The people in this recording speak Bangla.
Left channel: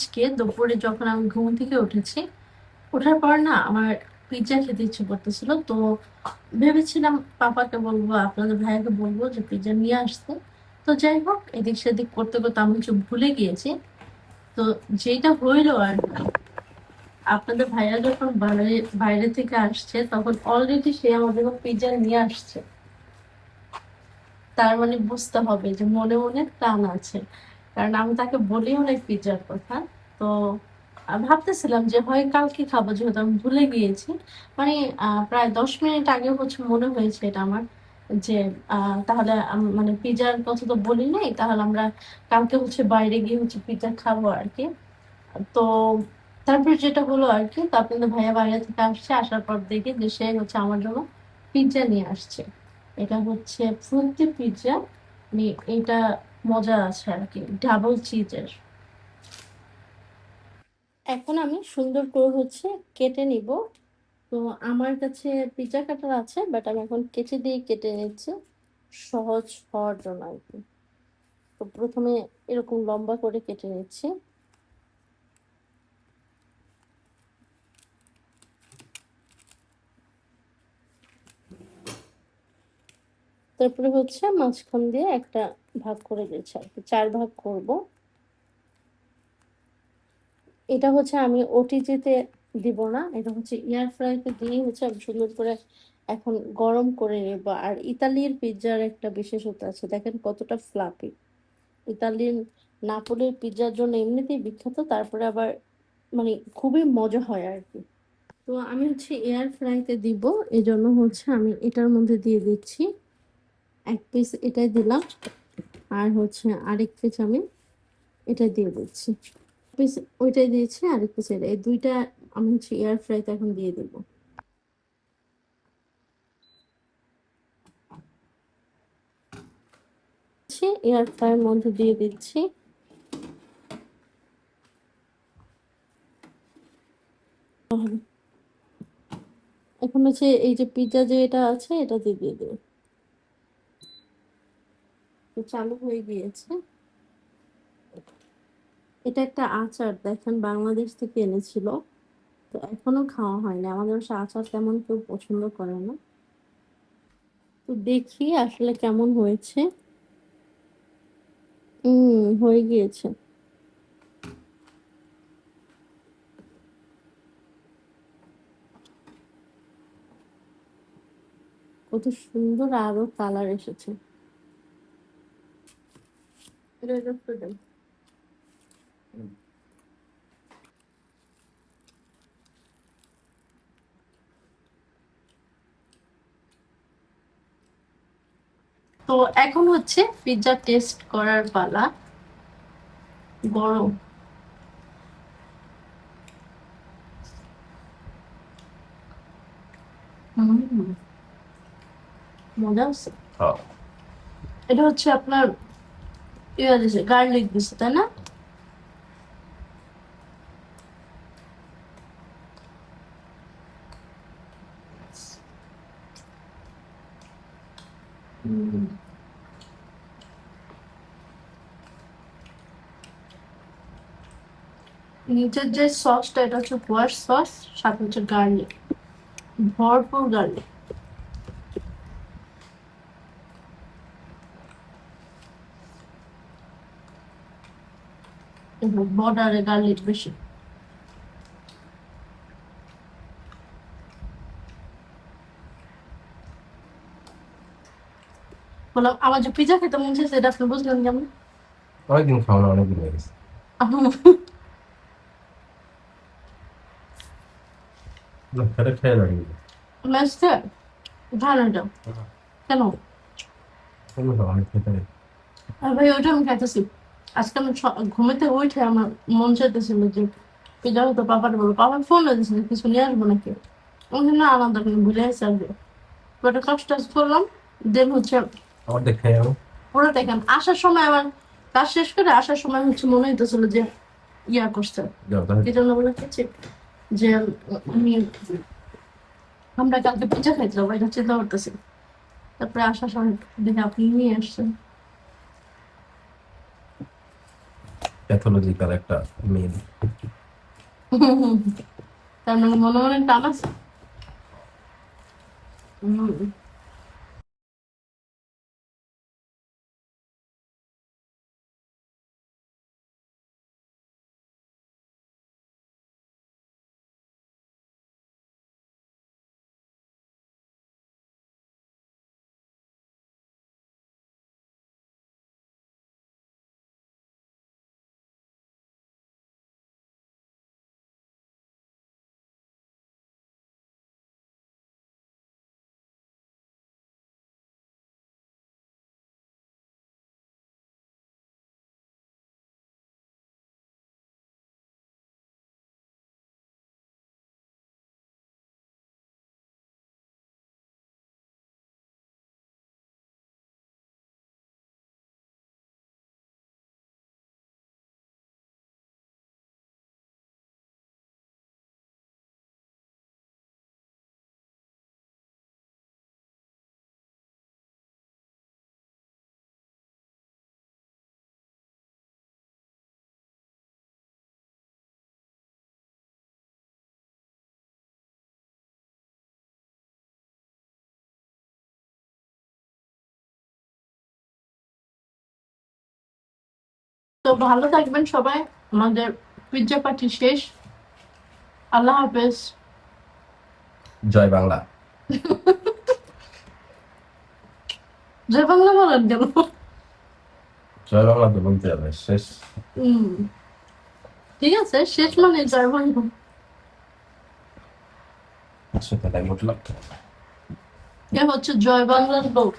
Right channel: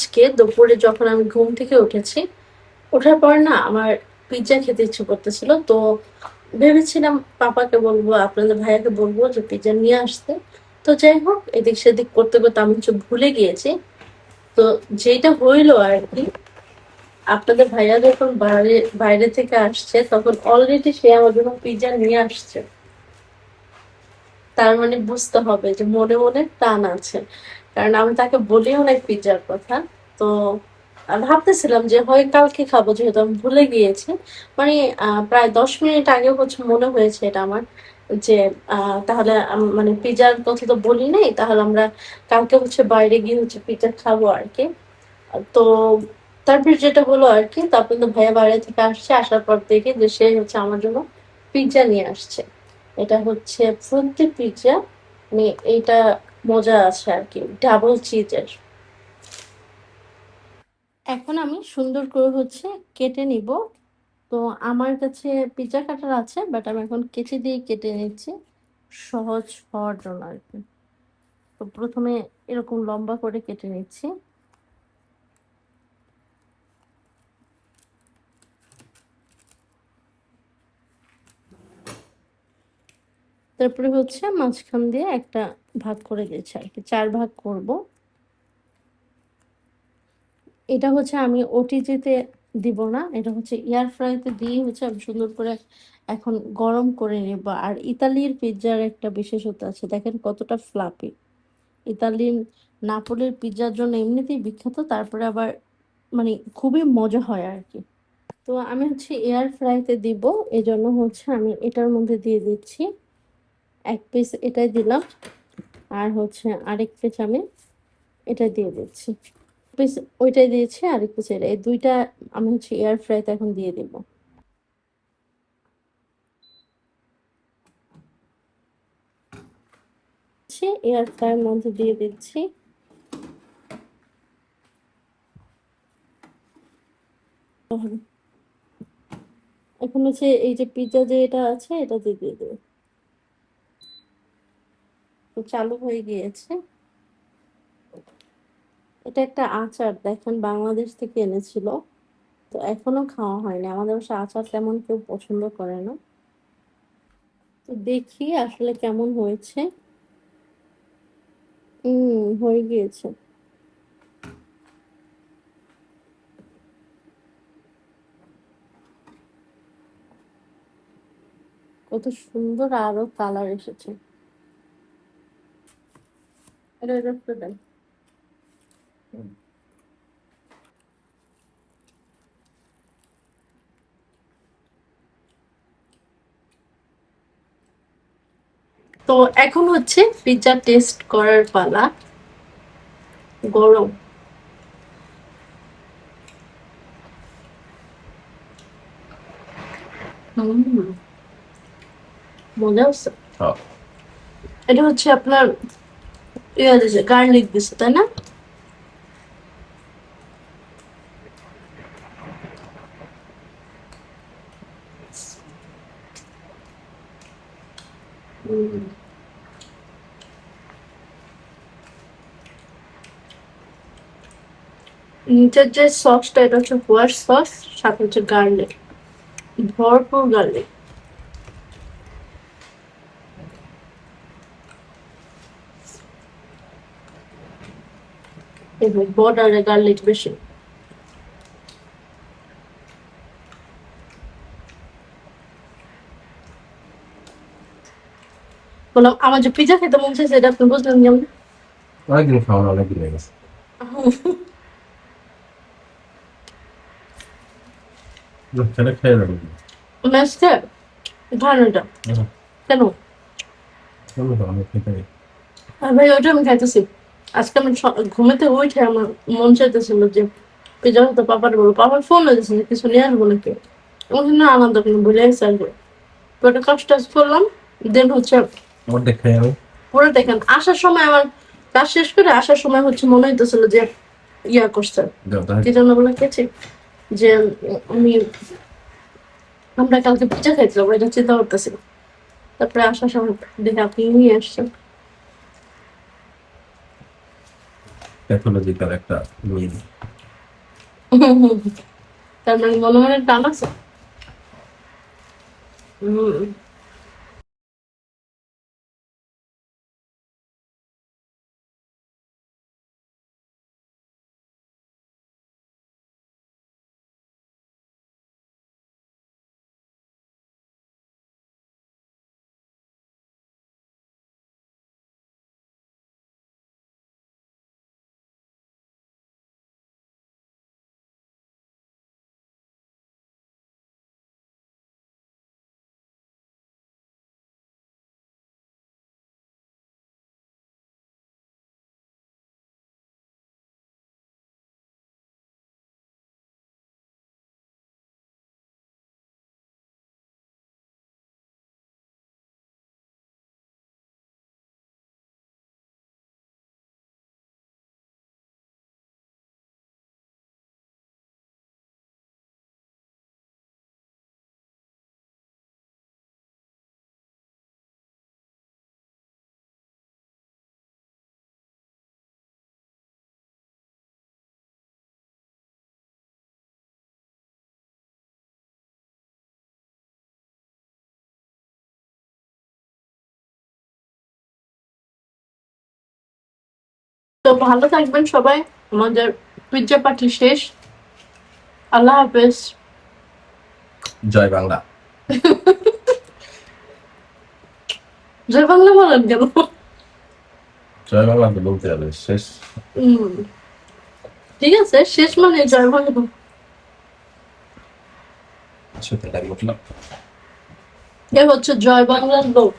আজকে দুপুরে যখন আমি ঘুম থেকে উঠেছি, ওঠার পর না আমার পিজ্জা খেতে ইচ্ছে করতেছিল। তো ভেবেছিলাম পাপাকে বলবো, আপনাদের ভাইয়াকে বলবো যে পিজ্জা নিয়ে আসতে। তো যাই হোক, এদিক সেদিক করতে করতে আমি ভুলে গিয়েছি। তো যেটা হইলো আর কি, আপনাদের ভাইয়া যখন বাইরে বাইরে থেকে আসছে তখন অলরেডি সে আমার জন্য পিজ্জা নিয়ে আসছে। তার মানে বুঝতে হবে যে মনে মনে টান আছে, কারণ আমি তাকে বলিও নাই পিজ্জার কথা। তো ভাবতেছিলাম যে হয় কালকে খাবো, যেহেতু আমি ভুলে গিয়েছি। মানে প্রায় 10 মিনিট আগে মনে হয়েছে এটা আমার, যে তাহলে মানে পিজ্জার কথা তো বলি নাই, তাহলে আমরা কালকে বাইরে গিয়ে পিজ্জা খাবো আর কি। তো তারপর যেটা হলো আর কি, তো আপনাদের ভাইয়া বাইরে থেকে আসছে, আসার পর দেখে যে সে আমার জন্য পিজ্জা নিয়ে আসছে। এটা ফ্রুটি পিজ্জা, মানে এইটা মজা আছে আর কি, ডাবল চিজের। এখন আমি সুন্দর করে কেটে নিব। তো আমার কাছে পিজ্জা কাটার আছে, বাট আমি এখন কেচি দিয়ে কেটে নিচ্ছি সহজ হওয়ার জন্য আর কি। তো প্রথমে এরকম লম্বা করে কেটে নিচ্ছি। তারপরে মাঝখান দিয়ে একটা ভাগ করে দিয়েছি আর কি, 4 ভাগ করব। এটা আমি ওটিজিতে দিব না, এটা এয়ার ফ্রাইতে দিয়ে আমি সুন্দর করে এখন গরম করে নেব। আর ইতালির পিৎজার একটা বিশেষত্ব আছে, দেখেন কতটা ফ্লাপি। ইতালিয়ান নাপোলির পিৎজার জন্য এমনিতেই বিখ্যাত, তারপরে আবার মানে খুবই মজা হয় আর কি। তো আমি এয়ার ফ্রাইতে দিব, এই জন্য আমি এটার মধ্যে দিয়ে দিচ্ছি 1 পিস, এটাই দিলাম। আর আরেক পিস আমি এটা দিয়ে দিচ্ছি, পিস ওইটাই দিয়েছি, আরেক পিস এটা, এই দুইটা আমি এয়ার ফ্রাইতে এখন দিয়ে দিব। এয়ার ফ্রাইয়ের মধ্যে দিয়ে দিচ্ছি। এখন এই যে পিৎজা যে এটা আছে, এটা দিয়ে দিয়ে দেব। তো চালু হয়ে গিয়েছে। এটা একটা আচার, দেখেন বাংলাদেশ থেকে এনেছিল। তো এখনো খাওয়া হয়নি, আমাদের বাসায় আচার তেমন কেউ পছন্দ করে না। তো দেখি আসলে কেমন হয়েছে। হয়ে গিয়েছে। কত সুন্দর আরো কালার এসেছে। এটা একটু দেন। তো এখন পিৎজা টেস্ট করার পালা। গরম। মজা হচ্ছে। এটা আপনার ইয়ে দিছে, গার্লিক দিছে, তাই না? নিচের যে সসটা, এটা হোয়াইট সস, সাথে গার্লিক, ভরপুর গার্লিক। এবার বর্ডারে গার্লিক বেশি। বললাম আমার যে পিজা খেতে মন চাইছে, এটা আপনি বুঝলেন কেমন? অনেকদিন খাওয়া অনেকদিন হয়ে গেছে। সেটা খেয়ে নেবেন। মেসকে ধারণাটা কেন? আমি খেতে নেই। আর ভাই ওইটা আমি খাইতেছি। আজকে আমি ঘুমেতে উঠে আমার মন চাইতেছিল যে পিজা হতো, পাপার বলবো, পাপার ফোন হয়েছে যে কিছু নিয়ে আসবো নাকি। ওখানে না আনন্দ কিন্তু ভুলে গেছে আসবে। তো একটা কাজ টাজ করলাম, দেন অর্ধেক খেয়ে যাবো। পুরো দেখেন আসার সময় আমার কাজ শেষ করে আসার সময় মনে হইতেছিল যে ইয়া করছে, কি জন্য বলে গেছি যে আমি আমরা কালকে পিজা খাইতে যাবো, এটা চিন্তা করতেছিল। তারপরে আসার সময় দেখে আপনি নিয়ে আসছেন। প্যাথোলজিক্যাল একটা মিল। তার মানে মনে মনে টান আছে। হুম। তো ভালো থাকবেন সবাই। আমাদের পিৎজা পার্টি শেষ। আল্লাহ হাফেজ। জয় বাংলা। জয় বাংলা বলেন কেন? জয় বাংলা তো বলতে হবে শেষ। হুম, ঠিক আছে, শেষ মানে জয় বাংলা। আচ্ছা তাহলে আমি উঠলাম। এ হচ্ছে জয় বাংলার লোক।